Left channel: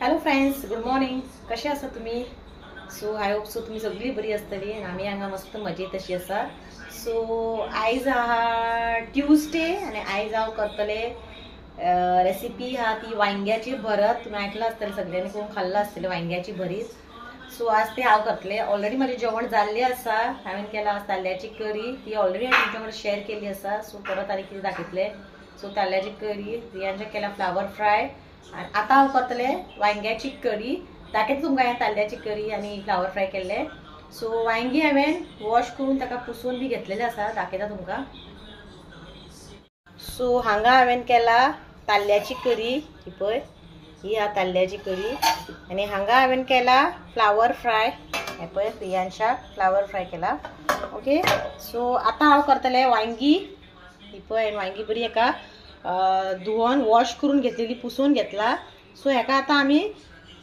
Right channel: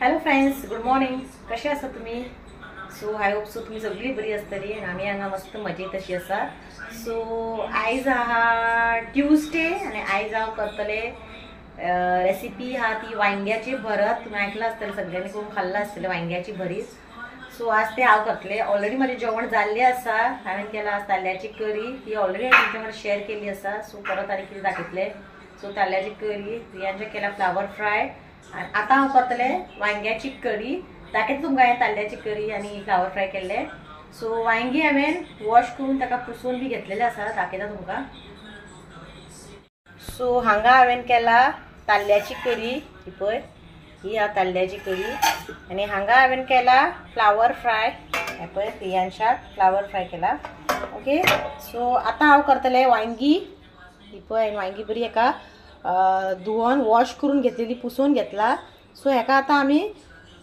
Hello friends, good morning. कशे आसा तुम्ही? सो आय होप सो तुम्ही सगळी बरी आसतली आणि आम्ही हांगा मस्त मजेत अशी आसा. सो आयज आहा ट्यूजडे आणि आयज हांव करतले रेसिपी हा ती वांग्याची भरत. तुम्ही ऐकलं आसतलें, सगळ्यांनी करून खाल्लं आसतलें वांग्याची भरीत. सो आज ते हांव करतले. ऑलरेडी माझे जेवण जाल्ले आसा. हांवें केला आज ताल्ल्याची करी, ती ऑलरेडी हांवें तुमच्या वांगडा शेअर केली आसा. सो परत आनी कितें दाखयतले. सो ताल्ल्याची करी, रियांचे केला फ्लावर फ्राय. आता हांव करतले वांग्याची करी. दाखयता तुमकां हांवें ताल्ल्याची करी आनी फ्लावर फ्राय केल्ले. सो वांगी हांवें वॉश करून ताका पुसून बी घेतलेले आसा, दाखयता तुमकां. सो हांगा हांवें केला ताल्ल्याची करी, ही पळय, ही हा ताल्ल्याची करी. आनी हांगा हांवें केला फ्लावर फ्राय, हे पळय रियांशा फ्लावर फ्राय केला. ओके, सो आता हांव करतले वांगी. ही पळय वांगी बरी एका धुवन वॉश करून घेतलेली, पुसून घेतला. सो हेका आता आमी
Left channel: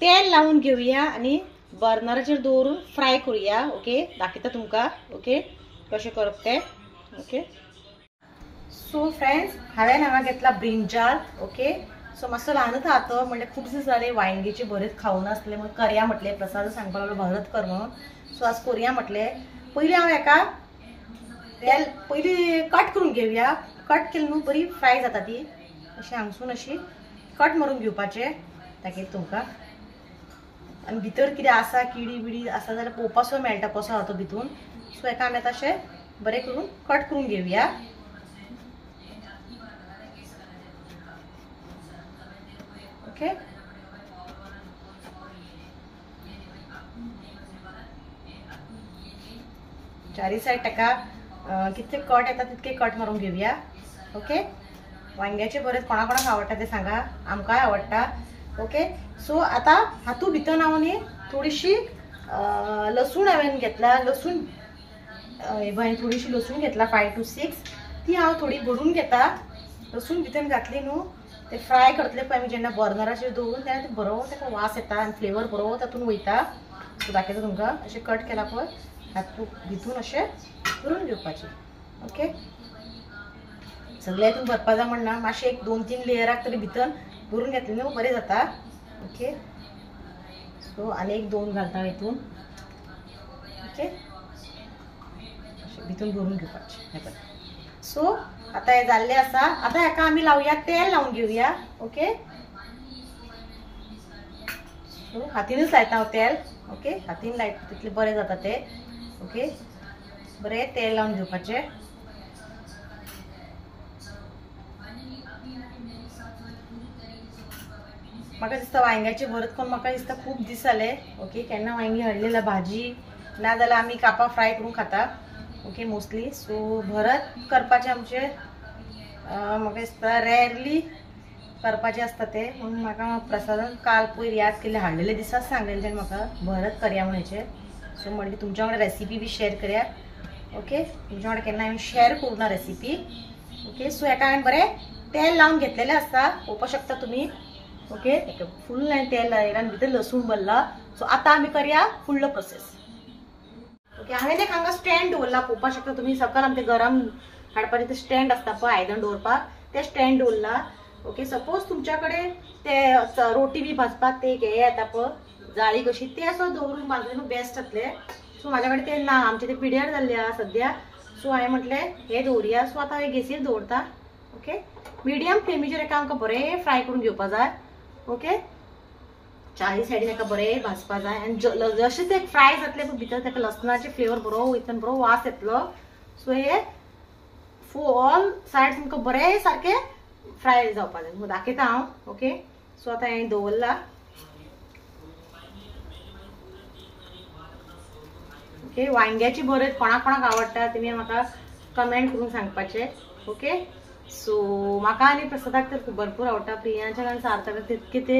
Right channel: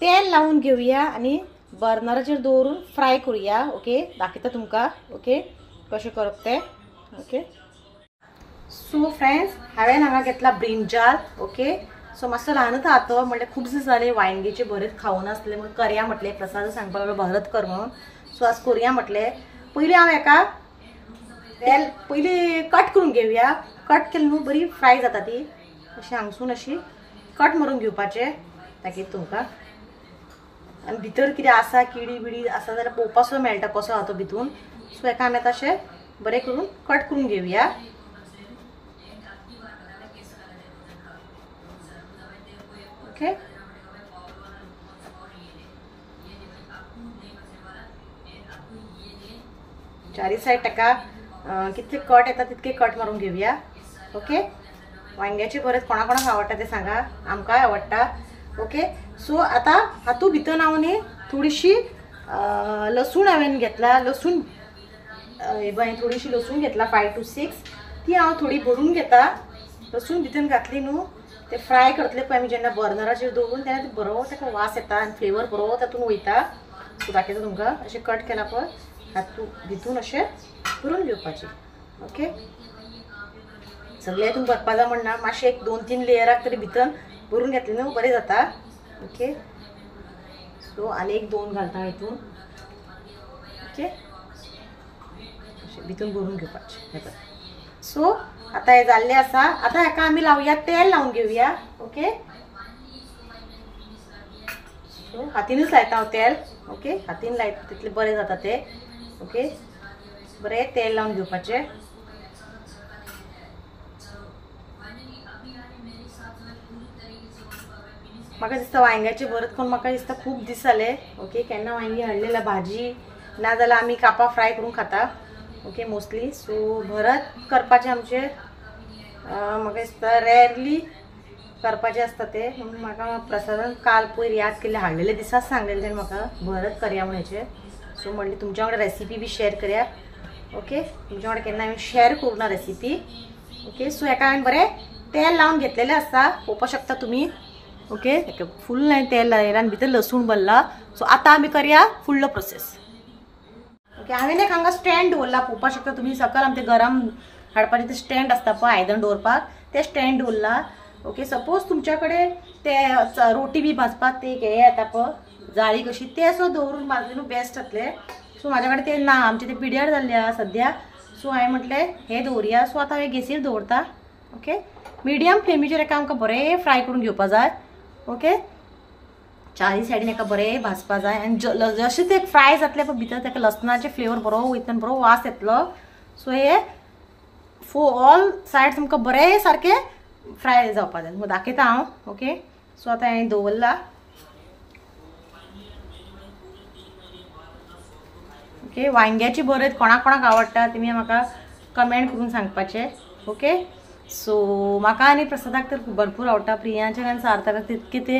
तेल लावून घेऊया आणि बर्नराचेर दवरून फ्राय करूया. ओके, दाखयता तुमकां. ओके, कशें करप ते. ओके, सो फ्रेंड्स हांवें हांगा घेतला ब्रिंजाल. ओके, सो मातसो ल्हानूच आहा तो, म्हणजे खूप दीस जाले वांगेची भरीत खावून आसले, म्हणून करया म्हटले. प्रसाद सांगपा लागलो भरत कर म्हणून. सो आज करूया म्हटले. पयली हांव हेका तेल पयली कट करून घेवया. कट केली न्हू बरी फ्राय जाता ती, अशी हांगसून अशी कट मारून घेवपाचे. दाखयता तुमकां. आनी भितर कितें आसा किडी बिडी आसा जाल्यार पळोवपाचो मेळटा कसो आहा तो भितून. सो हेका आमी आतां अशें बरें करून कट करून घेवया. ओके, चारी साईड ताका कितले कट येता तितके कट मारून घेवया. ओके, वांग्याचे भरत कोणा कोणाक आवडटा ते सांगा, आमकां आवडटा. ओके, सो आता हातू भितर हांव न्ही थोडीशी लसूण हांवें घेतला. लसूण थोडीशी लसूण घेतला 5 to 6. ती हांव थोडी भरून घेता. लसूण भितर घातली न्हू ते फ्राय करतले पळय आमी जेन्ना बर्नराचेर दवरून, तेन्ना ते बरो ताका वास येता आनी फ्लेवर बरो तातूंत वयता. सो दाखयता तुमकां. अशें कट केला पळय हातू भितून अशें भरून घेवपाचें. ओके, सगळे हितून भरपा जाय म्हणना, मातशें 1-2-3 लेयराक तरी भितर भरून घेतले न्हू बरें जाता. ओके, सो आनी 1-2 घालता हितून. ओके, भितून भरून घेवपाचें. सो आता हे जाल्ले आसा. आता हेका आमी लावया तेल लावून घेवया. ओके, सो हातीनूच लायता हांव तेल. ओके, हातीन लायता तितले बरें जाता ते. ओके, बरें तेल लावून घेवपाचें. म्हाका दिसता वांग्याचे भरत करून म्हाका दिसता खूप दीस जाले. ओके, केन्ना वांगी हाडलेला भाजी ना जाल्यार आमी कापां फ्राय करून खाता. Okay, mostly. सो भरत करपाचे आमचे म्हाका दिसता रेअरली करपाचे आसता ते. म्हणून म्हाका प्रसादान काल पयर याद केल्ले, हाडलेले दिसाच सांगलेले तेणे म्हाका भरत करया म्हणचे. सो म्हणली तुमच्या वांगडा रेसिपी बी शेअर करया. ओके, तुमच्या वांगडा केन्ना हांवें शेअर करूं ना रेसिपी. ओके, सो हेका हांवें बरें तेल लावून घेतलेले आसा, पळोवपाक शकता तुमी. ओके, फुल हांवें तेल लायला आनी भितर लसूण भरला. सो आतां आमी करया फुडलो प्रोसेस. ओके, हांवें एक हांगा स्टँड दवरला, पळोवपाक शकता तुमी. सकयल आमचे गरम हाडपाचें ते स्टँड आसता पळय आयदन दवरपाक, ते स्टँड दवरला. ओके, सपोज तुमच्या कडेन ते रोटी बी भाजपाक ते हे येता पळय जाळी कशी, ते असो दवरून भाजून बेस्ट जातले. सो म्हाज्या कडेन ते ना, आमचे ते पिड्यार जाल्ले आहा सद्या. सो हांवें म्हटलें हे दवरया. सो आतां हांवें गॅसीर दवरता. ओके, मिडियम फ्लेमीचेर हेका आमकां बरें फ्राय करून घेवपा जाय. ओके, चारी सायडीन हेका बरें भाजपा जाय. आनी जशें ते फ्राय जातले पळय भितर ताका लसणाचे फ्लेवर बरो वयता आनी बरो वास येतलो. सो हे ऑल सायड्स आमकां बरें सारके फ्राय जावपा जाय. दाखयता हांव. ओके, सो आतां हांवें दवरला. ओके, वांग्याची भरत कोणाक कोणाक आवडटा तुमी म्हाका कमेंट करून सांगपाचें. ओके, सो म्हाका आनी प्रसादाक तर भरपूर आवडटा. प्रियांच्या आनी सार्थकाक तितके ते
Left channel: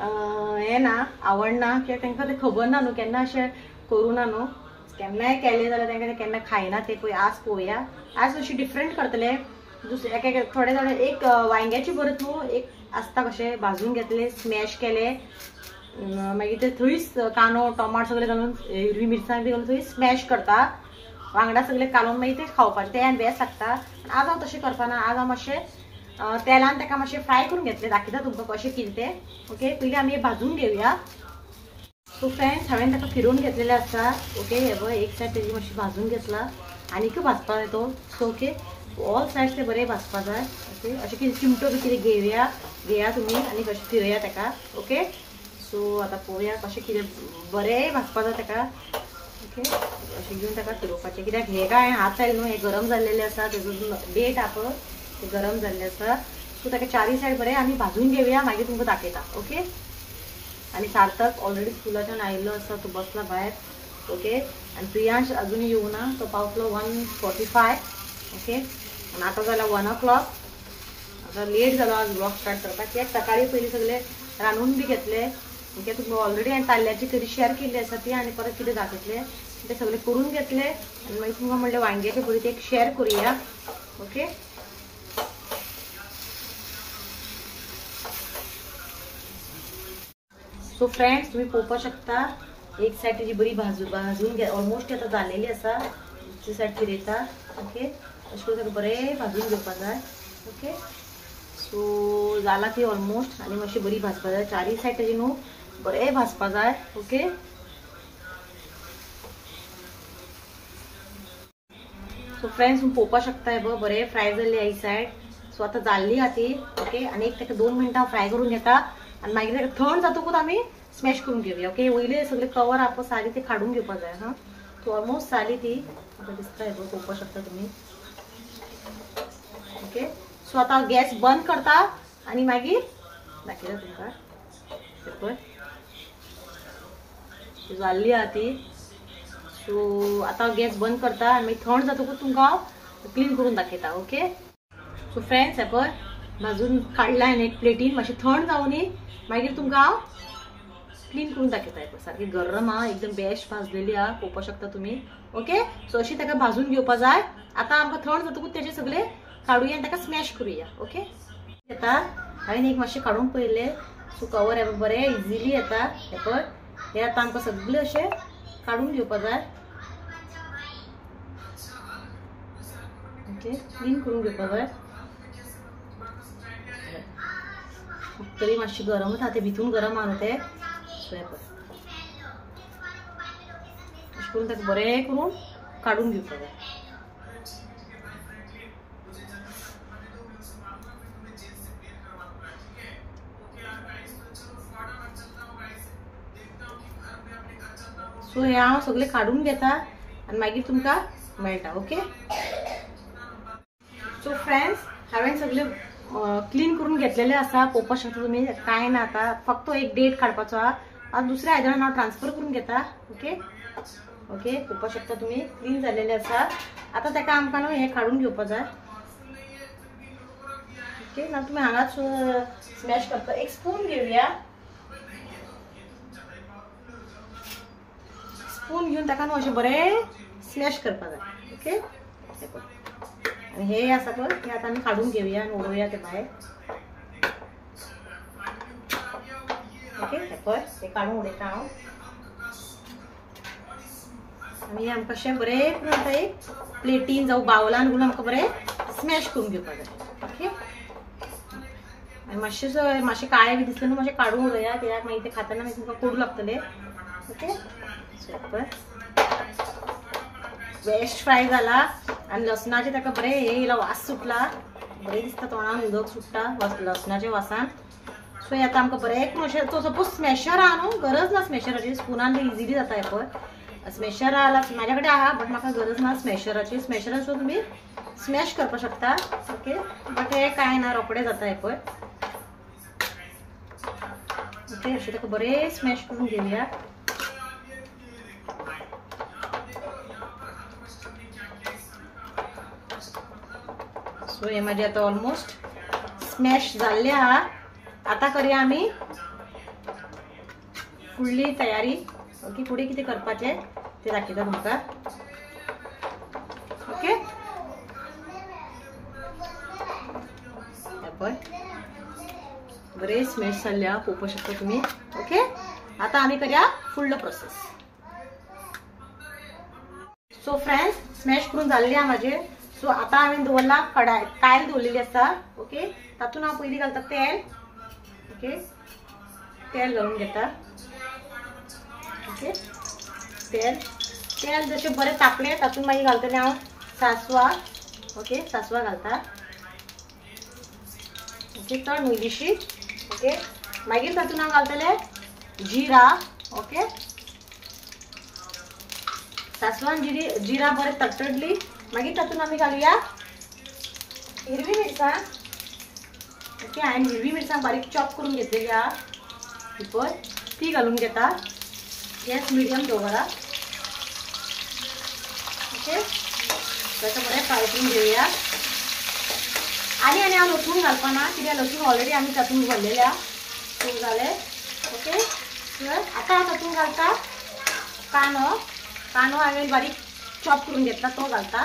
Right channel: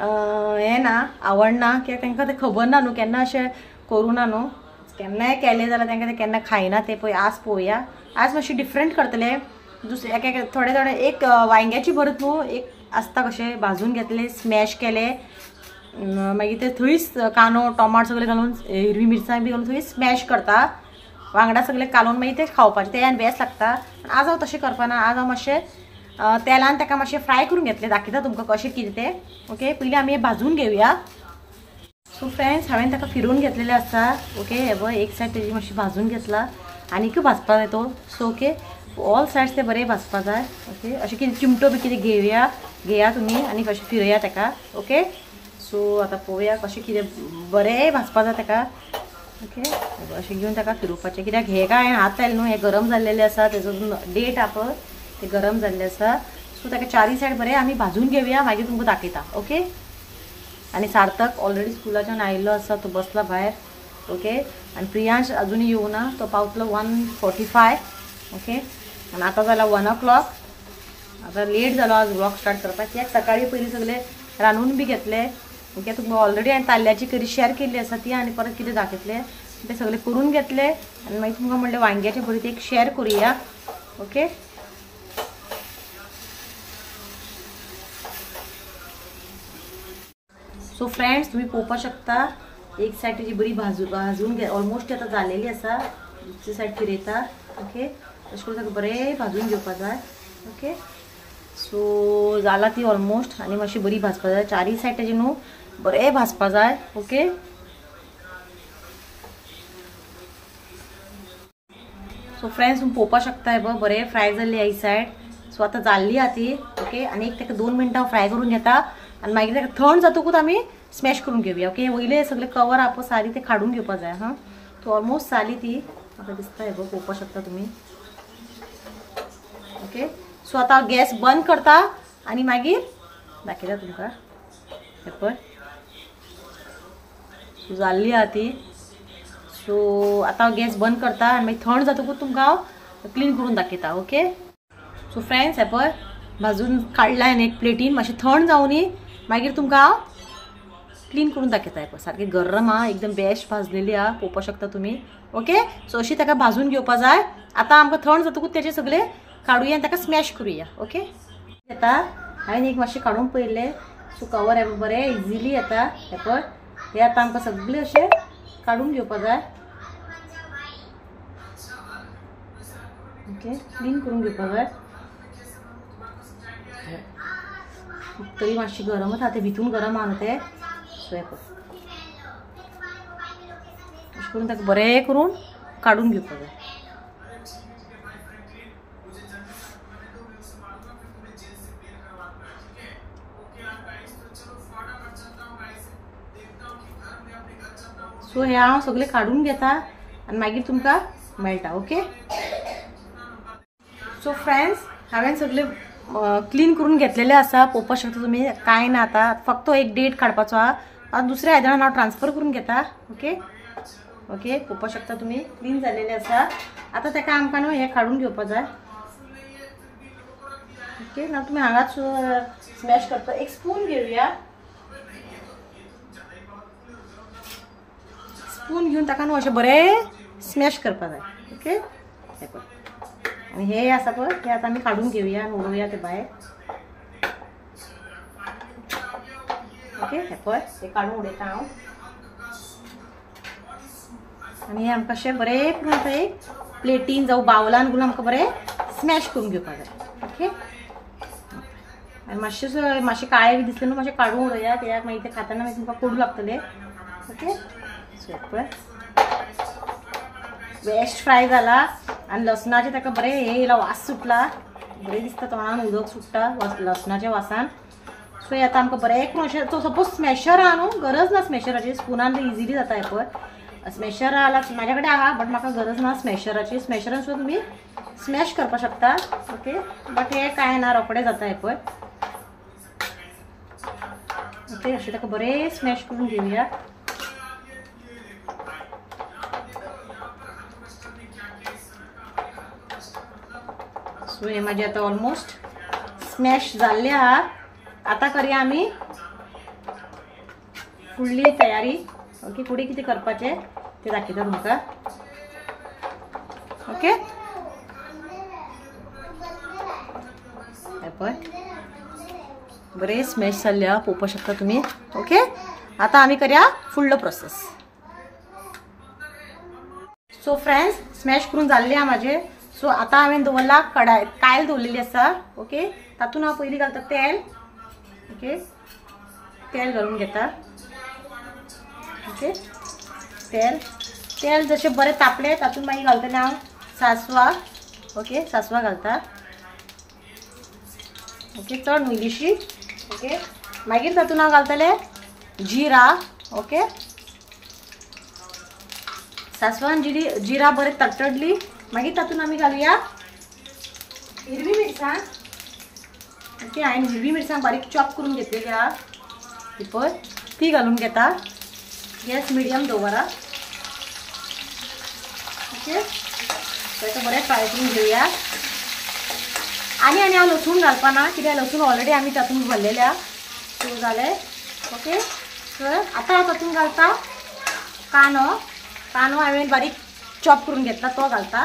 हे ना, आवडना, कित्याक तांकां ते खबर ना न्हू, केन्ना अशें करूं ना न्हू. केन्नाय केलें जाल्यार तांकां ते केन्ना खायना ते पळय. आज पळोवया, आज मातशें डिफरंट करतले. दुसरे एक थोडे थोडे एक वांग्याची भरत न्हू एक आसता कशें भाजून घेतले, स्मॅश केले, मागीर ते थंयच कांदो टोमाट सगळे घालून हिरवी मिरसांग बी घालून थंय स्मॅश करता. वांगडा सगळे कालून मागीर ते खावपाचे, ते बेस्ट लागता. आज हांव तशें करपाना. आज हांव मातशें तेलान आणि ताका मातशें फ्राय करून घेतले, दाखयता तुमकां कशें कितें तें। ओके, पयलीं आमी हे भाजून घेवया। सो फ्रेंड्स, हांवें ताका फिरून घेतलेले आसा। ओके, हे पळय एक सायड तेजी मातशी भाजून घेतला, आनीक भाजपा जाय तो। सो ओके, ऑल सायड्स ते बरें भाजपा जाय। ओके, अशें कितें चिमटो बी कितें घेया तुमी आनी कशें फिरया ताका। ओके, सो आतां पळोवया कशें कितें बरें भाजपा जाय ताका। ओके, अशें घेवन ताका फिरोवपाचें, कित्याक हे काय हात लायले न्हू, हे गरम जाल्लेले आसा, तेजो डेट आहा ते गरम जाल्ले आसा। सो ताका चारी सायड बरें आमी भाजून घेवया, मागीर तुमकां दाखयता। ओके, आणि सार्थक ऑलरेडी स्कूलाच्यान आयिल्लो आसा, तो बसला भायर। ओके, आणि प्रियांश अजूनही येवना, तो पावतलो 1:45। ओके, आणि आता जाला 1 o'clock। आता लेट जालो आज ब्लॉग स्टार्ट करपाक, कित्याक सकाळी पयलीं सगळे रांदून बी घेतले। ओके, तुमकां ऑलरेडी हांवें ताल्ल्याची करी शेअर केल्ली आसा ती, आनी परत कितें दाखयतले ते सगळे करून घेतले, आनी मागीर तुमकां म्हणलें वांग्याची भरीत एक शेअर करुया। ओके, सो फ्रेंड्स, तुम्ही पळोवपा शकता एक सायड तेजी बरी भाजून घे, ऑलमोस्ट आता जालेली आसा। दुसरी सायड फिरयता। ओके, अशें करून ताका बरें भाजून घेवपा जाय। ओके, सो जाला ती ऑलमोस्ट, आनी मातशी बरी भाजपा जाय, चारी सायड तेजी न्हू बरें भाजपा जाय। ओके, सो फ्रेंड्स, तुम्ही पळोवपा शकता हे बरें फ्राय जाल्ली ही सायड। सो आता जाल्ली आहा ती। ओके, आनी एक ताका 2 मिनटां फ्राय करून घेता, आणि मागीर ताका थंड जातकूच आमी स्मॅश करून घेवया। ओके, वयले सगळे कवर आप सारी ते काढून घेवपा जाय। हां, तो ऑलमोस्ट जाली ती, आता दिसता हे पळोवपा शकता तुम्ही। ओके, सो आता गॅस बंद करता, आणि मागीर दाखयता तुमकां हे पळय। सो जाल्ली आहा ती। सो आता गॅस बंद करता, आणि मागीर थंड जातकूच तुमकां क्लीन करून दाखयता। ओके, सो फ्रेंड्स, हे पळय भाजून काडलाय एक प्लेटीन, मातशी थंड जावनी मागीर तुमकां क्लीन करून दाखयता। हे सारखी गरम आहा, एकदम बेस्ट भाजलेली आहा, पळोवपा शकता तुम्ही। ओके, सो अशी ताका भाजून घेवपा जाय। आता आमकां थंड जातकूच तेजे सगळे काडुया आनी ताका स्मॅश करुया। ओके, आता हांवें एक मातशें काडून पळयले, सो कवर हे बरें इजिली येता। हे पळय, हे आता आमकां सगळे अशें काडून घेवपा जाय। ओके, क्लीन करून घेवपा जाय। तरी मातशी गरमच आहा, ते भितून गरम आहा ते। सो हे पळय अशें करून ताका बरें करून काडून घेवपा जाय। सो हे हांव सगळे काडून घेता, आनी मागीर तुमकां मेळटा। ओके, सो फ्रेंड्स, हांवें सगळे क्लीन करून घेतलेले आसा, पळोवपा शकता तुम्ही। काय ना, आता फक्त एक डेट काडपाचो आहा, आता दुसऱ्या आयदनान हांव ट्रान्सफर करून घेता। ओके, ओके, पळोवपा शकता तुम्ही क्लीन जाल्लेले आसा। आता ताका आमकां न्हू हे काडून घेवपा जाय। ओके, ना तुम्ही हांगाच स्मॅश करता, एक स्पून घेवया। स्पून घेवन ताका न्हू अशें बरें स्मॅश करपा जाय। ओके, हे पळय, आणि हे आसा पळय हे आता आमी काडून घेवया आनी उडोवया ते भायर। ओके, हे पळय हे काडून उडयता हांव, आनी हे आमकां अशें बरें करून आतां एक प्लेटीन जावं बावलान घालून आमकां बरें स्मॅश करून घेवपा जाय। ओके, आनी मातशें काळे बी दिसले न्हू मातशें काडून उडोवया, कित्याक मागीर ते खाताना मागीर तुमकां कडू लागतले। ओके, सो पळय बेस्ट फ्राय जाला, आनी लसणाचे ताका बरें हे येयला, वास सुटला, बरें दिसता, तोंडान उदक सुट्टा लसणाच्या वासान। सो हे आतां आमकां बरें करून अशें, तो सपोज स्मॅशर आहा न्हू, गरज ना स्मॅशराची, स्पुनान ते इजिली जाता। हे पळय स्मॅशर आहा, म्हाज्या कडेन आहा, बट म्हाका गरज ना स्मॅशराची। स्मॅशरान सुद्दां तुमी स्मॅश करपा शकता। ओके, बट हे काय ना, रोखडें जाता। हे पळय ओके, अशें ताका बरें स्मॅश करून घेवया। सो हे माझे आता ऑलमोस्ट स्मॅश जाल्ले आहा। आता करूया आमी फुडली तयारी। ओके, फुडें कितें करपाचें ते दाखयता तुमकां। ओके, हे पळय बरें स्मॅश जाल्ले आहा, पळोवपा शकता तुमी। ओके, आता आमी करूया फुडलो प्रोसेस। सो फ्रेंड्स, स्मॅश करून जाल्ले आहा म्हाजे। सो आता हांवें दवरला कडाय कायल दवरलेली आसा. ओके, तातूंत हांव पयलीं घालता तेल. ओके, तेल घालून घेता. ओके, तेल जशें बरें तापलें तातूंत मागीर घालतलें हांव सासवां. ओके, सासवां घालता. ओके, चड न्हू इल्लीशी. ओके, मागीर तातूंत हांव घालतलें जिरा. ओके, सासवान जिरा बरें तडतडली मागीर तातूंत आमी घालुया हिरवी मिरसांग. ओके, हांवें हिरवी मिरसांग बारीक चॉप करून घेतलेली आहा ही पळय ती घालून घेता. गॅस मिडियम दवरा. ओके, ताका बरें फ्राय करून घेवया. आनी हांव लसूण घालपाना कित्याक लसूण ऑलरेडी आमी तातूंत घाल्लेले आहा. सो जालें. ओके, तर आतां हांव तातूंत घालता कांदो हांवें बारीक चॉप करून घेतला तो घालता.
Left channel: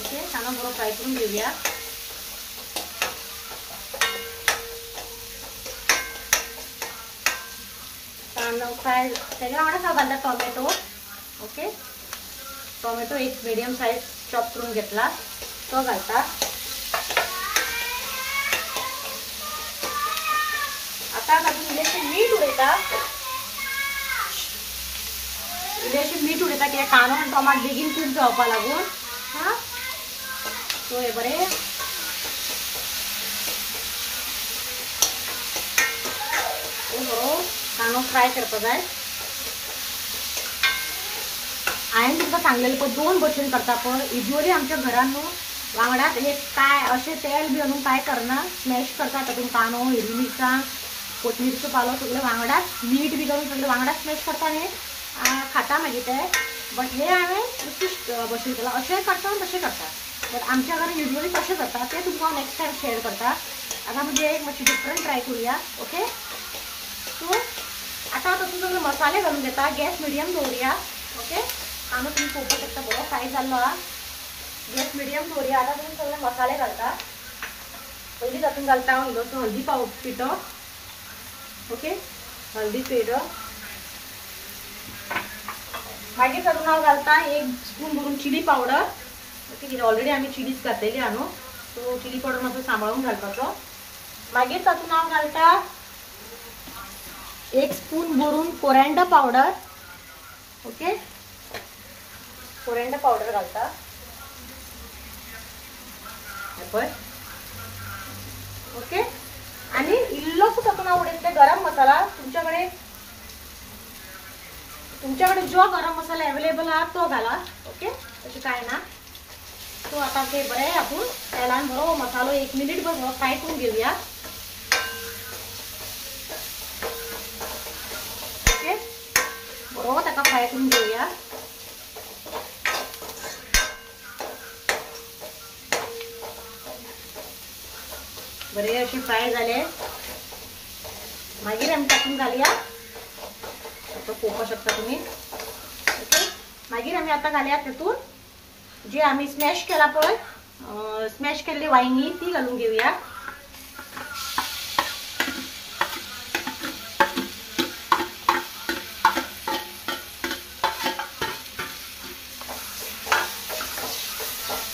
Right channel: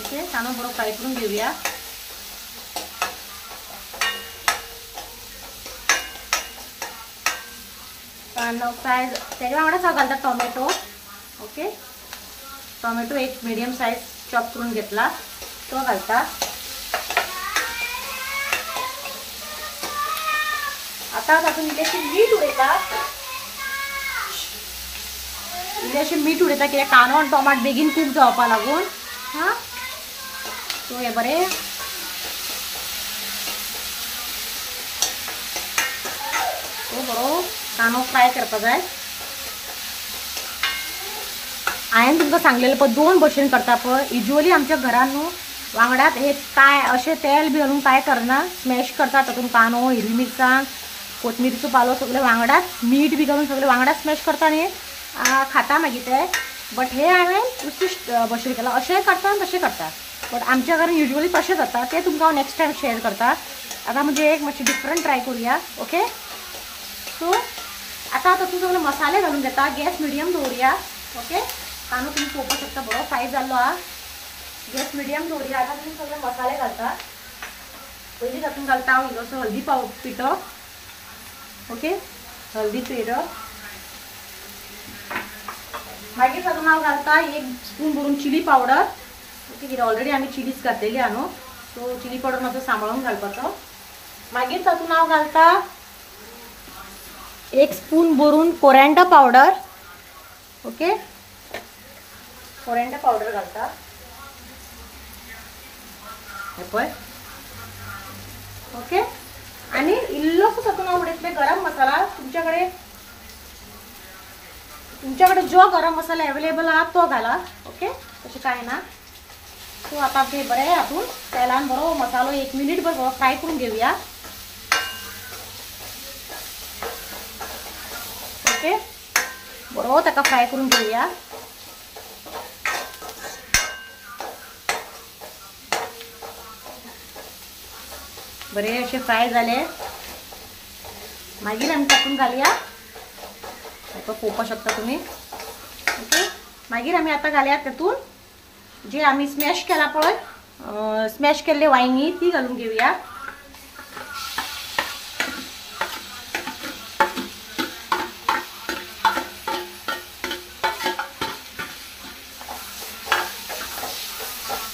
ओके, कांदो बरो फ्राय करून घेवया. कांदो फ्राय तेच्या वांगडाच हांव घालता टोमॅटो. ओके, टोमॅटो एक मिडियम सायज चॉप करून घेतला तो घालता. आता तातूंत इल्लेशें मीठ उडयता कित्याक कांदो आनी टोमाट बेगीन कूक जावपा लागून. हां, सो हे बरें बरो कांदो फ्राय करपा जाय. हांवें तुमकां सांगलेलें पळय 2 भशेन करता पळय. युजली आमच्या घरान न्हू वांगडात एक काय अशें तेल बी घालून काय करना, स्मॅश करता. तातूंत कांदो, हिरवी मिरसांग, कोथमिरीचो पालो सगळें वांगडात मीठ बी घालून सगळें वांगडात स्मॅश करता आनी खाता मागीर ते. बट हे हांवें विशिश्ट भशेन केलां. अशेंय करता आनी तशें करता. बट आमच्या घरान युजली तशें जाता ते तुमकां हांव नेक्स्ट टायम शेअर करता. आतां म्हणजे एक मातशें डिफरंट ट्राय करुया. ओके, सो आतां तातूंत सगळे मसाले घालून घेता. Gas medium दवरुया. ओके, कांदो तुमी पळोवपाक शकता बरो फ्राय जाल्लो आहा. गॅस मिडियम दवरुया. आतां तुमी सगळे मसाले घालता. पयलीं तातूंत घालता हांव इल्लोसो हळदी पिठो. ओके, हळदी पिठो मागीर तातूंत हांव घालता 1 स्पून भरून चिली पावडर. ओके, कित्याक ऑलरेडी आमी चिलीज घातलेली आहा न्हू, सो चिली पावडर मातसो सांबाळून घालपाचो. मागीर तातूंत हांव घालता 1 स्पून भरून coriander powder. Okay, coriander powder घालता. हे पळय. ओके, आनी इल्लोसो तातूंत हांव उडयतलें गरम मसाला. तुमच्याकडे जो गरम मसाला अवेलेबल आहा तो घाला. ओके, तशें कांय ना. सो आतां ते बरें आपूण तेलान बरो मसालो 1 मिनिट बरो फ्राय करून घेवया. ओके, बरो ताका फ्राय करून घेवया. बरे असे फ्राय झाले मागीर आमी तातूंत घालया. तो पळोवपाक शकता तुम्ही. ओके, मागीर आमी आतां घालया तातूंत जे आमी स्मॅश केला पळय स्मॅश केल्ले वांयगी ती घालून घेवया.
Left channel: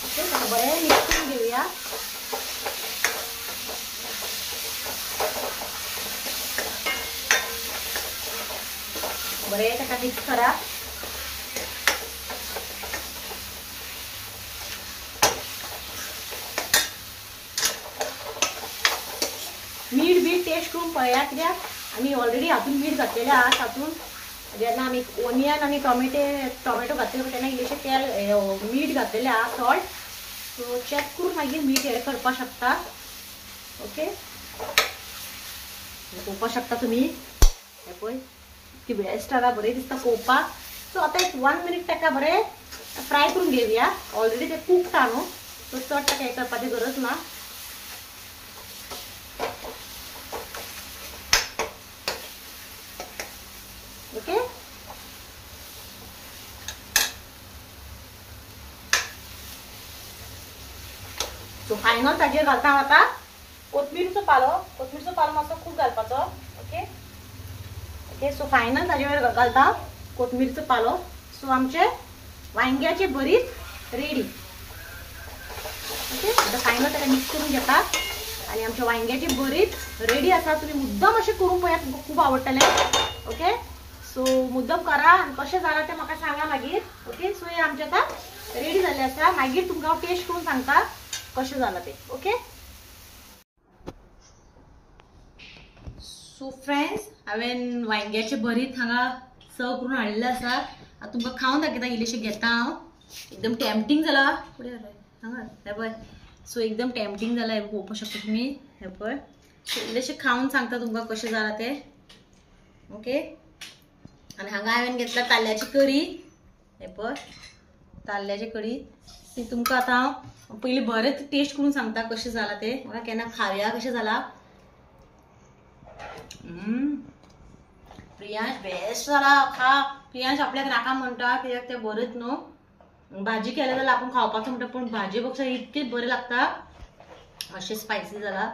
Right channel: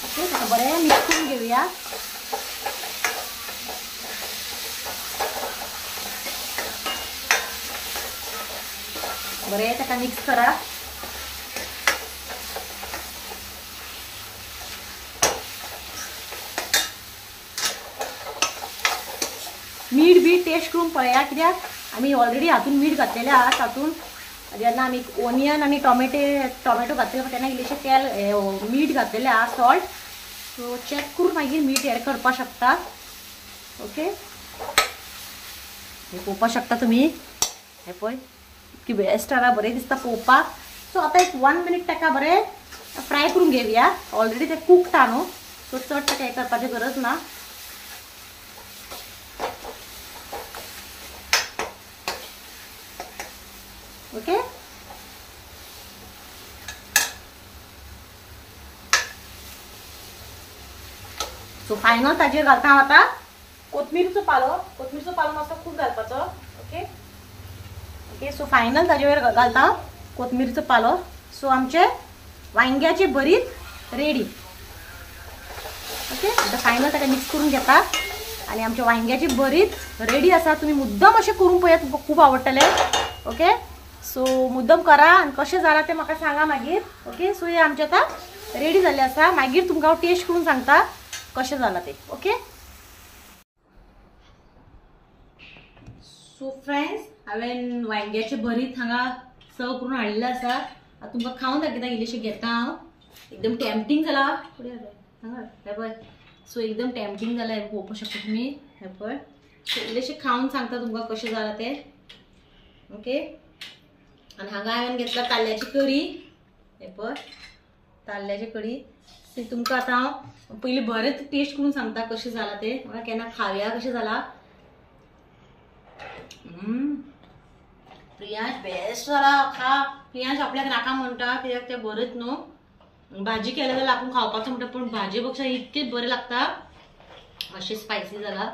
ओके, बरें मिक्स करून घेवया. बरें ताका मिक्स करा. मीठ बी टेस्ट करून पळया कित्याक आमी ऑलरेडी हातून मीठ घातलेलें आहा. तातूंत जेन्ना आमी ओनियन आनी टोमॅटो घातले तेन्ना इल्लेशें तेल मीठ घातलेलें आहा, सॉल्ट. सो चॅक करून मागीर मीठ एड करपाक शकता. ओके, पळोवपाक शकता तुमी. हे पळय की बेस्ट आहा, बरें दिसता पळोवपाक. सो आतां एक 1 मिनिट ताका बरें फ्राय करून घेवया. ऑलरेडी ते कूक्ड आहा न्हू, सो चड ताका हें करपाची गरज ना. ओके, सो फायनल ताजेर घालता हांव आतां कोथमिरीचो पालो. कोथमिरीचो पालो मातसो खूब घालपाचो. Okay, okay. सो फायनल ताजेवर घालता कोथमिरीचो पालो. सो आमचे वांग्याचे भरीत रेडी. ओके. आता फायनल ताका मिक्स करून घेता आणि आमच्या वांग्याची भरीत रेडी असा. तुम्ही मुद्दम असे करून पळयात, तुमकां खूप आवडटले. ओके. सो मुद्दम करा आणि कशें जाला ते म्हाका सांगा मागीर. ओके. सो हे आमचे आता रेडी झाले असा. मागीर तुमकां हांव टेस्ट करून सांगता कशें जाला ते. ओके. सो फ्रेंड्स, हांवें वांग्याचे भरीत हांगा सर्व करून हाडलेले आसा. आता तुमकां खावन दाखयता. इल्लेशें घेता हांव. एकदम टेम्पटिंग जाला. हांगा हे पळय. सो एकदम टेम्पटिंग जाला. हे पळोवपाक शकता तुमी. हे पळय. सो इल्लेशें खावन सांगता तुमकां कशें जाला ते. ओके. आणि हांगा हांवें घेतला ताल्ल्याची करी. हे पळय ताल्ल्याची करी. ती तुमकां आतां हांव पयलीं बरेंच टेस्ट करून सांगता कशें जाला ते. म्हाका केन्ना खावया कशें जाला. प्रियांश बेस्ट जाला. खा. प्रियांश आपल्याक नाका म्हणटा कित्याक ते बरेंच न्हू. भाजी केल्या जाल्यार आपूण खावपाचो म्हणटा, पण भाजे पेक्षा इतके बरें लागता. अशें स्पायसी जाला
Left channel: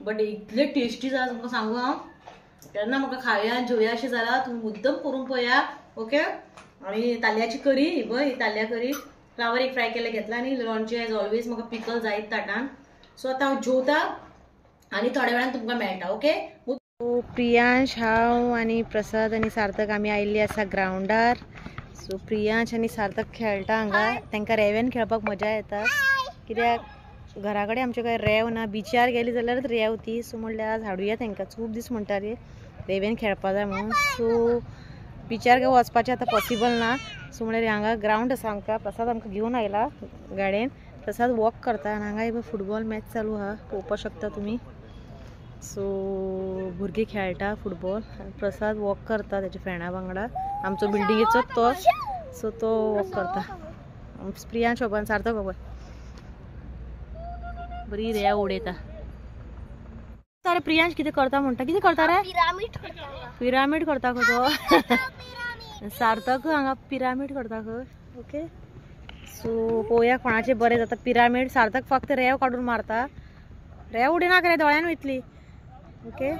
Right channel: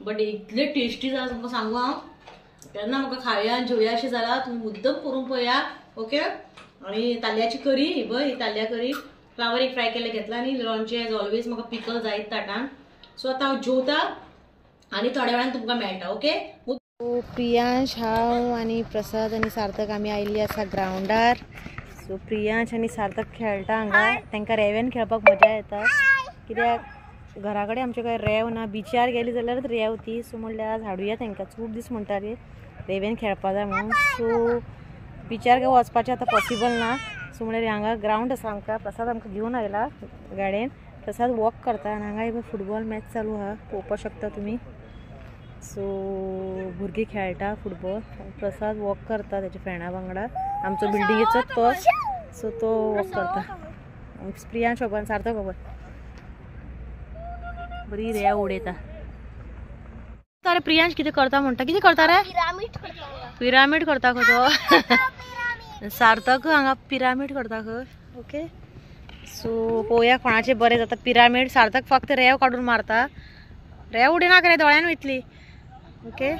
बट इतले टेस्टी जाला तुमकां सांगू हांव. तेन्ना म्हाका खावया जेवया अशें जाला. तुमी मुद्दम करून पळया. ओके. आणि ताल्ल्याची करी ही पळय, ही ताल्ल्या करी फ्लावर एक फ्राय केले घेतला आणि लोणचें एज ऑलवेज म्हाका पिकल जायत ताटान. सो आतां हांव जेवता आणि थोड्या वेळान तुमकां मेळटा. ओके. प्रियांश, हांव आणि प्रसाद आणि सार्थक आमी आयिल्ली आसा ग्राउंडार. सो प्रियांश आणि सार्थक खेळटा हांगा. तांकां रेंवेन खेळपाक मजा येता कित्याक घरा कडेन आमचे काय रेंव ना. बिचार गेली जाल्यारच रेंव ती. सो म्हणल्यार आज हाडुया तांकां. खूब दीस म्हणटाले रेंवेन खेळपा जाय म्हणून. सो बिचार काय वचपाचें आतां पॉसिबल ना. सो म्हणल्यार हांगा ग्राउंड आसा आमकां. प्रसाद आमकां घेवन आयला गाडयेन. प्रसाद वॉक करता आनी हांगा फुटबॉल मॅच चालू आहा पळोवपाक शकता तुमी. सो भुरगीं खेळटा फुटबॉल. प्रसाद वॉक करता त्याच्या फ्रेंडा वांगडा. आमचो बिल्डिंगेचो तोच. सो तो वॉक करता. प्रियांश बाबा सार्थक बाबा बरी रेंव उडयता. अरे प्रियांश कितें करता म्हणटा. कितें करता रे. पिरामीड करता खंय तो. सार्थक हांगा पिरामीड करता खंय. ओके. सो पळोवया कोणाचें बरें जाता पिरामीड. सार्थक फक्त रेंव काडून मारता. रेंव उडयना रे दोळ्यान वयतली. ओके.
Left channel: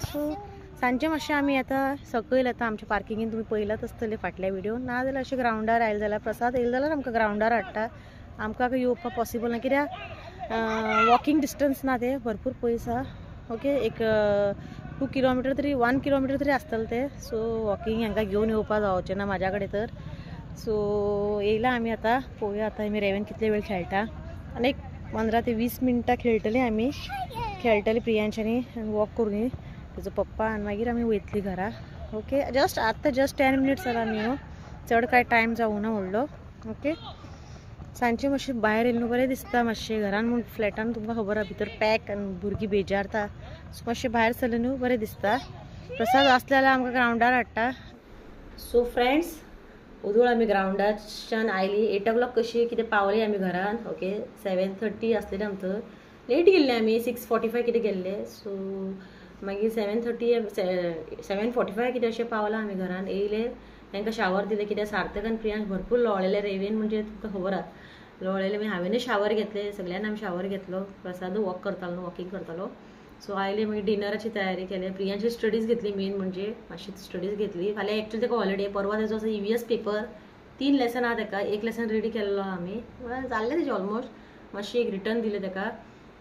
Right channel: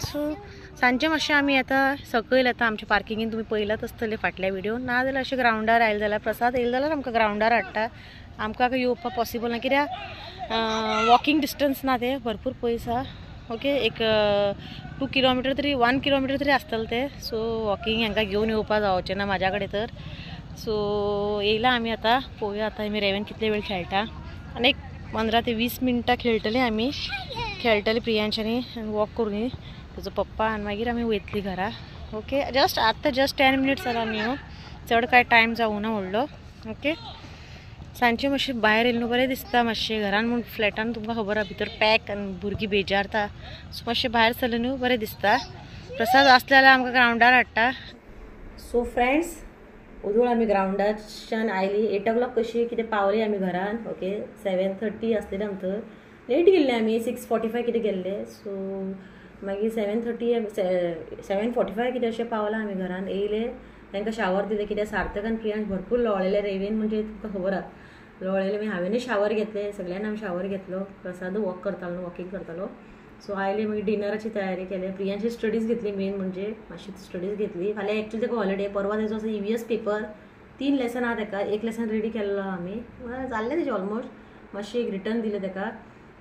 सो सांजचे मातशें आमी आतां सकयल येता आमच्या पार्किंगेन. तुमी पळयलात आसतले फाटल्या व्हिडिओन. ना जाल्यार अशें ग्राउंडार आयले जाल्यार प्रसाद येयले जाल्यार आमकां ग्राउंडार हाडटा. आमकां येवपाक पॉसिबल ना कित्याक वॉकिंग डिस्टन्स ना ते भरपूर पयस आहा. ओके. एक 2 किलोमीटर तरी 1 किलोमीटर तरी आसतलें ते. सो वॉकिंग हांकां घेवन येवपाक जावचें ना म्हाज्या कडेन तर. सो येयला आमी आतां. पळोवया आतां आमी रेंवेन कितले वेळ खेळटा. आनी एक 15 ते 20 मिनटां खेळटली आमी. खेळटली प्रियांशानी वॉक करून तेजो पप्पा आनी मागीर आमी वयतली घरा. ओके. जस्ट 10 मिनिट्स जाला आमी येवन. चड कांय टायम जावूं ना व्हडलो. ओके. सांजचें मातशें भायर येयलें न्हू बरें दिसता मातशें. घरान म्हूण फ्लॅटान तुमकां खबर आहा भितर पॅक आनी भुरगीं बेजारता. सो मातशें भायर सरलें न्हू बरें दिसता. प्रसाद आसले जाल्यार आमकां ग्राउंडार हाडटा. सो फ्रेंड्स, उदूळ आमी ग्राउंडाच्यान आयली. 8 o'clock कशी कितें पावली आमी घरान. ओके. 7:30 आसलेलें आमकां. लेट गेल्ले आमी 6:45 कितें गेल्ले. सो मागीर 7:45 कितें अशें पावला आमी घरान. येयले तांकां शावर दिले कित्याक सार्थक आनी प्रियांश भरपूर लोळेले रेंवेन. म्हणजे तुमकां खबर आहा लोळेले. मागीर हांवेनूय शावर घेतले. सगळ्यांनी आमी शावर घेतलो. प्रसाद वॉक करतालो न्हू वॉकिंग करतालो. सो आयले मागीर डिनराची तयारी केली. प्रियांशी स्टडीज घेतली मेन म्हणजे मातशी स्टडीज घेतली. फाल्यां एक्चुअली ताका हॉलिडे. परवा तेजो असो EVS पेपर. 3 लेसन आहा ताका. 1 लेसन रेडी केल्लो आहा आमी. जाल्लें तेजें ऑलमोस्ट. मातशें एक रिटर्न दिलें ताका.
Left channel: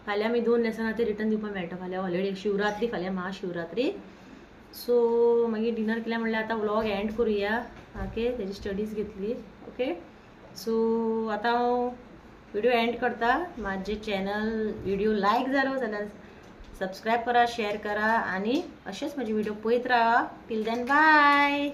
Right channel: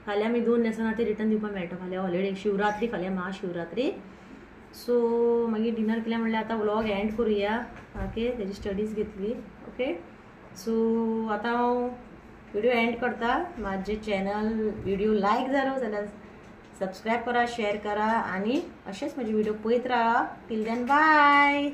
फाल्यां आमी 2 लेसन आहा ते रिटर्न दिवपाक मेळटा. फाल्यां हॉलिडे शिवरात्री. फाल्यां महाशिवरात्री. सो मागीर डिनर केलें म्हणल्यार आतां व्लॉग एंड करुया. ओके. तेजी स्टडीज घेतली. ओके. सो आतां हांव व्हिडिओ एंड करता. म्हाजें चॅनल व्हिडिओ लायक जालो जाल्यार सबस्क्रायब करा, शेअर करा आणि असेच माझे व्हिडिओ पळयत राहा. Till then bye.